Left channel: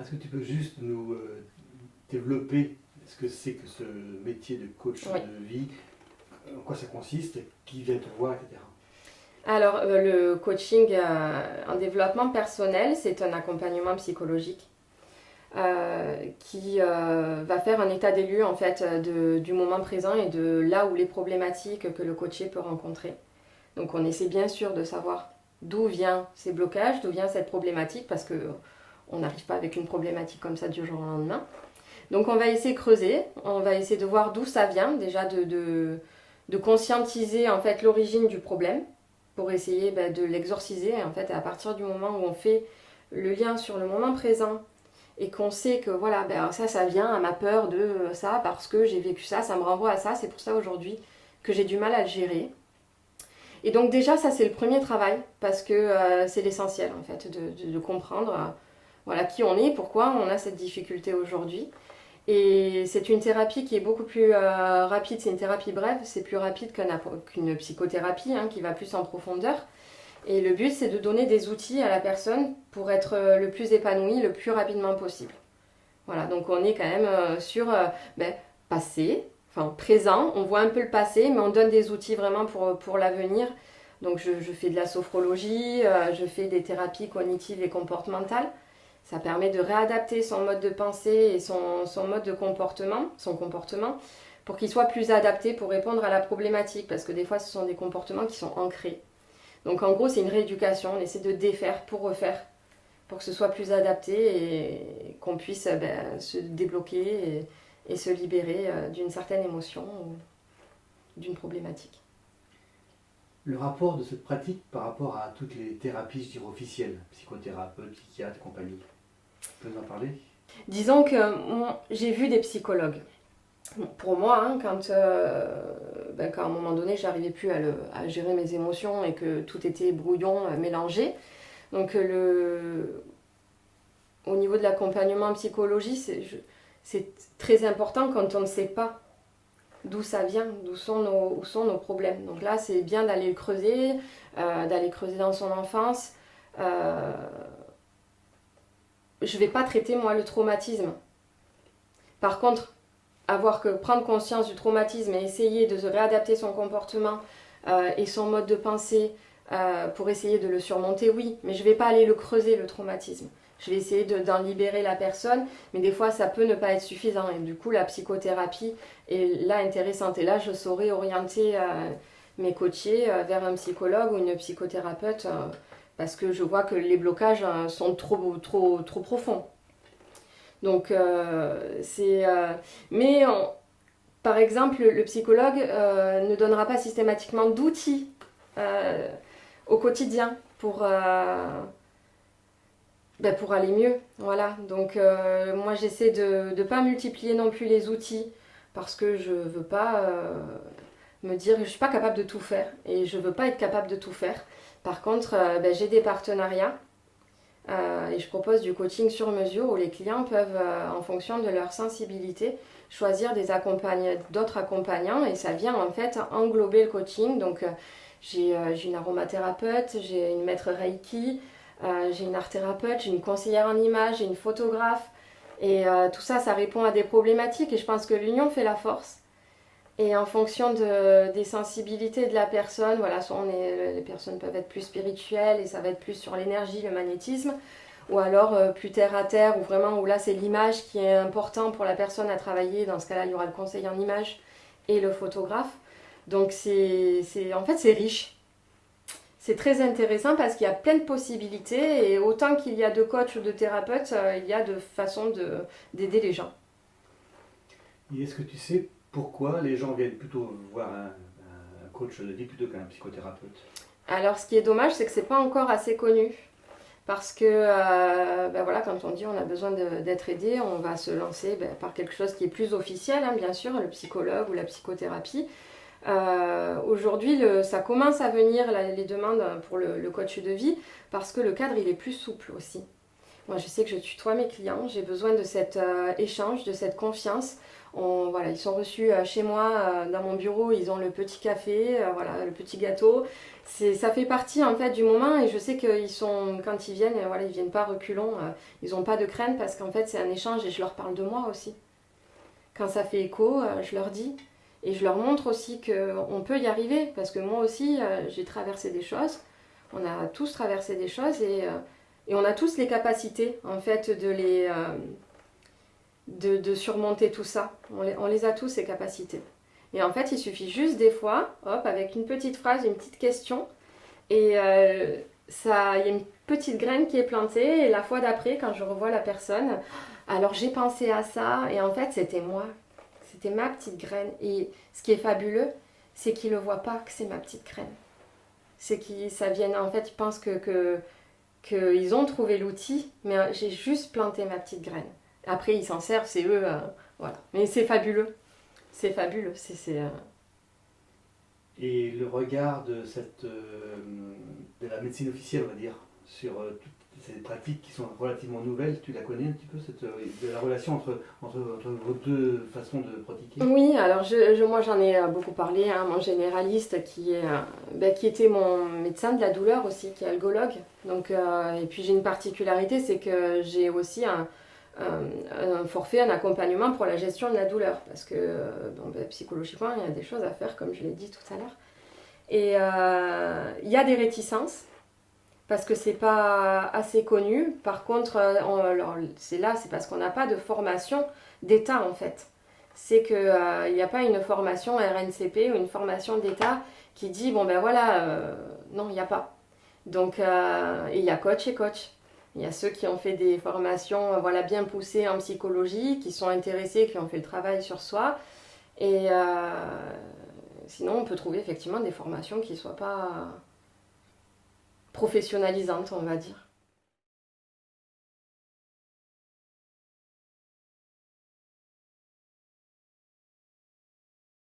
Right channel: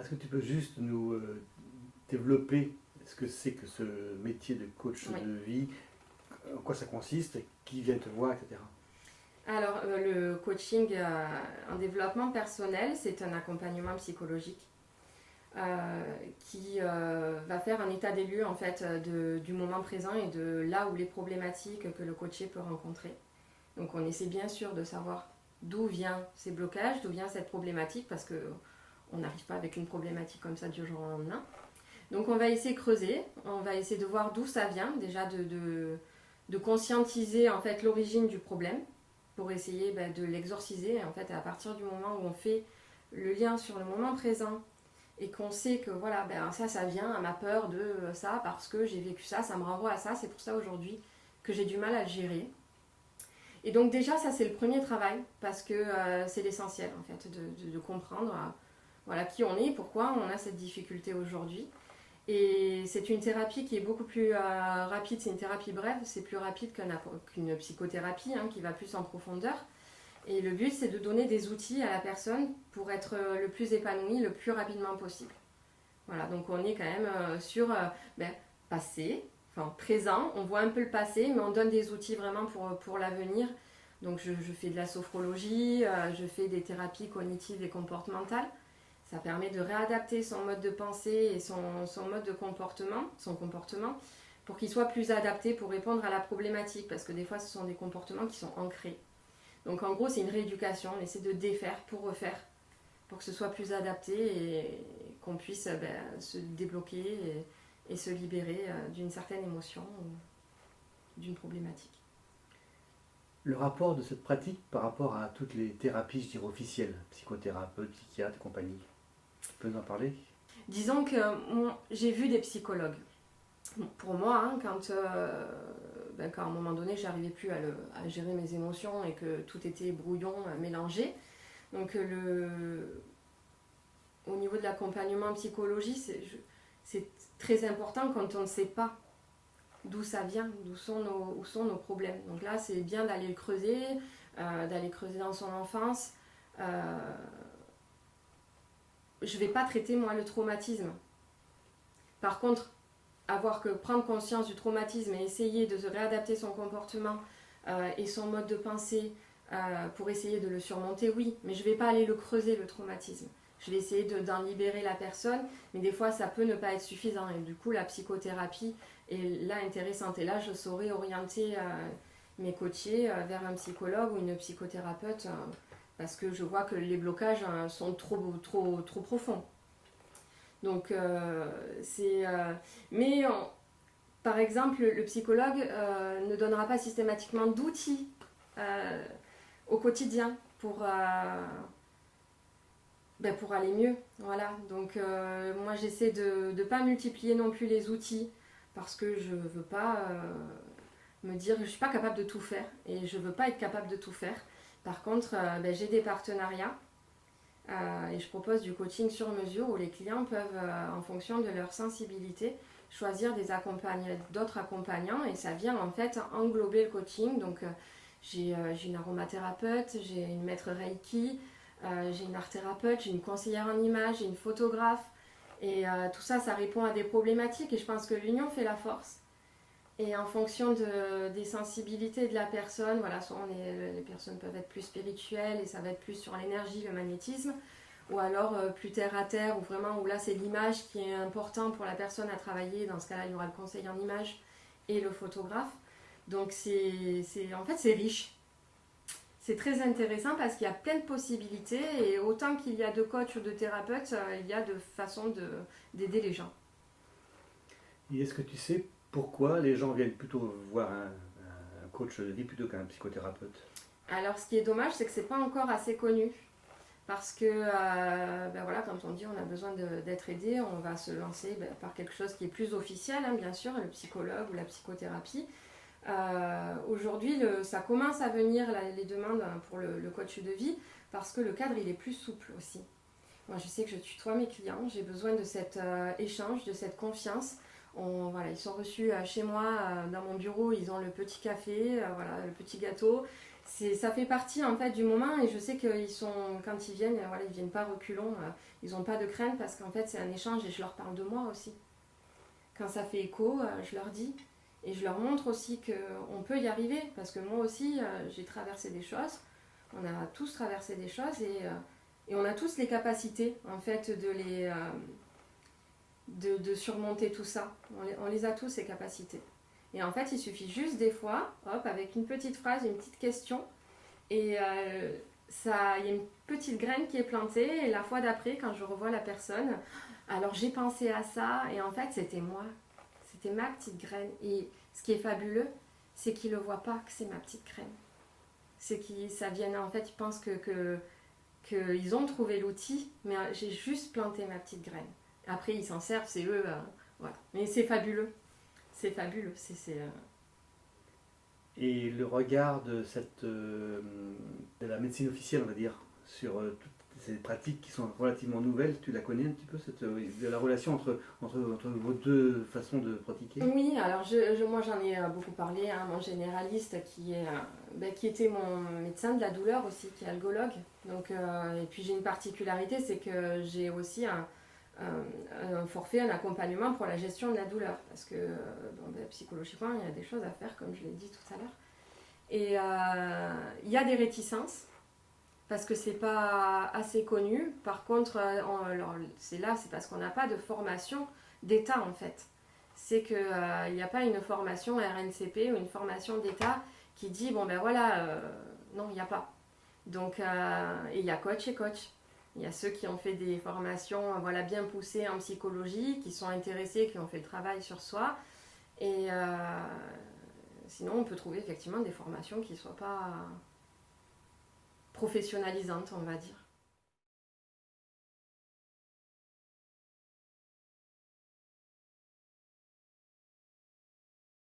Est-ce que tu peux juste nous développer ce que c'est que ce métier de coach Oui. de vie, en quoi ça consiste, qui vient te voir, etc. Alors, le coaching en développement personnel, c'est un accompagnement psychologique qui va faire un état des lieux en fait du moment présent et de là où les problématiques que le coaché peut rencontrer. Donc, on essaie bien sûr de savoir d'où viennent ces blocages, d'où vient cette problématique, parce qu'on n'arrive pas avec une problématique comme ça du jour au lendemain. Donc, on va essayer de creuser, on va essayer de voir d'où ça vient, déjà de conscientiser en fait l'origine du problème pour essayer de l'exorciser en fait. Et à partir du moment où on fait le lien sur le moment présent et qu'on sait que voilà, ça vient à ma peur de ça parce que j'ai vécu ça, ça me renvoie à ça, c'est pour ça aujourd'hui que j'ai du mal à le gérer. Et donc déjà ça c'est le premier travail parce que c'est l'essentiel en fait de comprendre voilà, qui on est, pourquoi on a cette difficulté aujourd'hui. Et c'est une thérapie qui est beaucoup plus rapide, c'est une thérapie brève, c'est plus rapide qu'une psychothérapie qui va plus en profondeur. Et le but, c'est de donner des outils à la personne pour être le plus épanouie le plus rapidement possible. Voilà, donc on est quand même sur passé, enfin présent, on voit un peu le passé, mais on donne des outils vraiment pour l'avenir. Donc je fais de la sophrologie, je fais des thérapies cognitives et comportementales. Ça permet de réadapter son mode de pensée et son mode de comportement, son comportement, pour qu'il soit plus adapté pour répondre à la problématique, parce que des fois ce sont des comportements qui sont ancrés. Donc en gros, c'est une rééducation, on essaie de défaire pour refaire, pour que ce soit plus adapté et qu'on puisse se débloquer et se libérer d'une certaine émotion ou d'une problématique. Le rapport de cette pratique par rapport à toutes les thérapies, je dirais, officielles, psychothérapeutes, psychiatres et compagnie. Tu peux nous en parler? Disons que j'ai vu des psychologues. Pour moi, quand à un moment donné, j'arrivais plus à gérer mes émotions et que tout était brouillon, mélangé. Donc au niveau de l'accompagnement en psychologie, c'est très important quand on ne sait pas d'où ça vient, où sont nos problèmes. Donc là, c'est bien d'aller creuser dans son enfance. Je ne vais pas traiter, moi, le traumatisme. Par contre, prendre conscience du traumatisme et essayer de se réadapter son comportement et son mode de pensée pour essayer de le surmonter, oui. Mais je ne vais pas aller le creuser, le traumatisme. Je vais essayer d'en libérer la personne, mais des fois, ça peut ne pas être suffisant. Et du coup, la psychothérapie est là intéressante. Et là, je saurais orienter mes coachés vers un psychologue ou une psychothérapeute parce que je vois que les blocages sont trop profonds. Donc, par exemple, le psychologue ne donnera pas systématiquement d'outils au quotidien pour aller mieux. Voilà. Donc, moi, j'essaie de ne pas multiplier non plus les outils parce que je ne veux pas me dire que je ne suis pas capable de tout faire et je ne veux pas être capable de tout faire. Par contre, j'ai des partenariats et je propose du coaching sur mesure où les clients peuvent, en fonction de leur sensibilité, choisir d'autres accompagnants et ça vient en fait englober le coaching. Donc j'ai une aromathérapeute, j'ai une maître Reiki, j'ai une art thérapeute, j'ai une conseillère en images, j'ai une photographe et tout ça, ça répond à des problématiques et je pense que l'union fait la force. Et en fonction des sensibilités de la personne, voilà, soit les personnes peuvent être plus spirituelles et ça va être plus sur l'énergie, le magnétisme, ou alors plus terre à terre, où là c'est l'image qui est important pour la personne à travailler. Dans ce cas-là, il y aura le conseil en images et le photographe. Donc en fait c'est riche. C'est très intéressant parce qu'il y a plein de possibilités et autant qu'il y a de coachs ou de thérapeutes, il y a de façons d'aider les gens. Et est-ce que tu sais pourquoi les gens viennent plutôt voir un coach de vie plutôt qu'un psychothérapeute? Alors ce qui est dommage, c'est que c'est pas encore assez connu. Parce que voilà, quand on dit on a besoin d'être aidé, on va se lancer par quelque chose qui est plus officiel, bien sûr, le psychologue ou la psychothérapie. Aujourd'hui, ça commence à venir les demandes pour le coach de vie parce que le cadre il est plus souple aussi. Moi je sais que je tutoie mes clients, j'ai besoin de cet échange, de cette confiance. Voilà, ils sont reçus chez moi, dans mon bureau, ils ont le petit café, voilà, le petit gâteau. Ça fait partie en fait du moment et je sais qu'ils sont, quand ils viennent, voilà, ils viennent pas reculons, ils n'ont pas de crainte parce qu'en fait c'est un échange et je leur parle de moi aussi. Quand ça fait écho, je leur dis et je leur montre aussi qu'on peut y arriver parce que moi aussi j'ai traversé des choses, on a tous traversé des choses et on a tous les capacités en fait de surmonter tout ça. On les a tous ces capacités. Et en fait, il suffit juste des fois, hop, avec une petite phrase, une petite question, et il y a une petite graine qui est plantée, et la fois d'après, quand je revois la personne, alors j'ai pensé à ça, et en fait, c'était moi. C'était ma petite graine. Et ce qui est fabuleux, c'est qu'ils ne le voient pas que c'est ma petite graine. C'est qu'ils ça vienne, en fait, ils pensent qu'ils ont trouvé l'outil, mais j'ai juste planté ma petite graine. Après, ils s'en servent, c'est eux, voilà. Mais c'est fabuleux. C'est fabuleux. Et le regard de de la médecine officielle, on va dire, sur toutes ces pratiques qui sont relativement nouvelles, tu la connais un petit peu, de la relation entre vos deux façons de pratiquer? Oui, alors moi j'en ai beaucoup parlé, hein, mon généraliste qui était mon médecin de la douleur aussi, qui est algologue. Donc, et puis j'ai une particularité, c'est que j'ai aussi un forfait, un accompagnement pour la gestion de la douleur. Parce que psychologiquement, il y a des choses à faire, comme je l'ai dit tout à l'heure. Et il y a des réticences, parce que c'est pas assez connu. Par contre, c'est parce qu'on n'a pas de formation d'État en fait. C'est qu'il n'y a pas une formation RNCP ou une formation d'État qui dit, bon ben voilà, non, il n'y a pas. Donc, il y a coach et coach. Il y a ceux qui ont fait des formations voilà, bien poussées en psychologie, qui sont intéressés, qui ont fait le travail sur soi. Et sinon, on peut trouver effectivement des formations qui ne soient pas professionnalisantes, on va dire.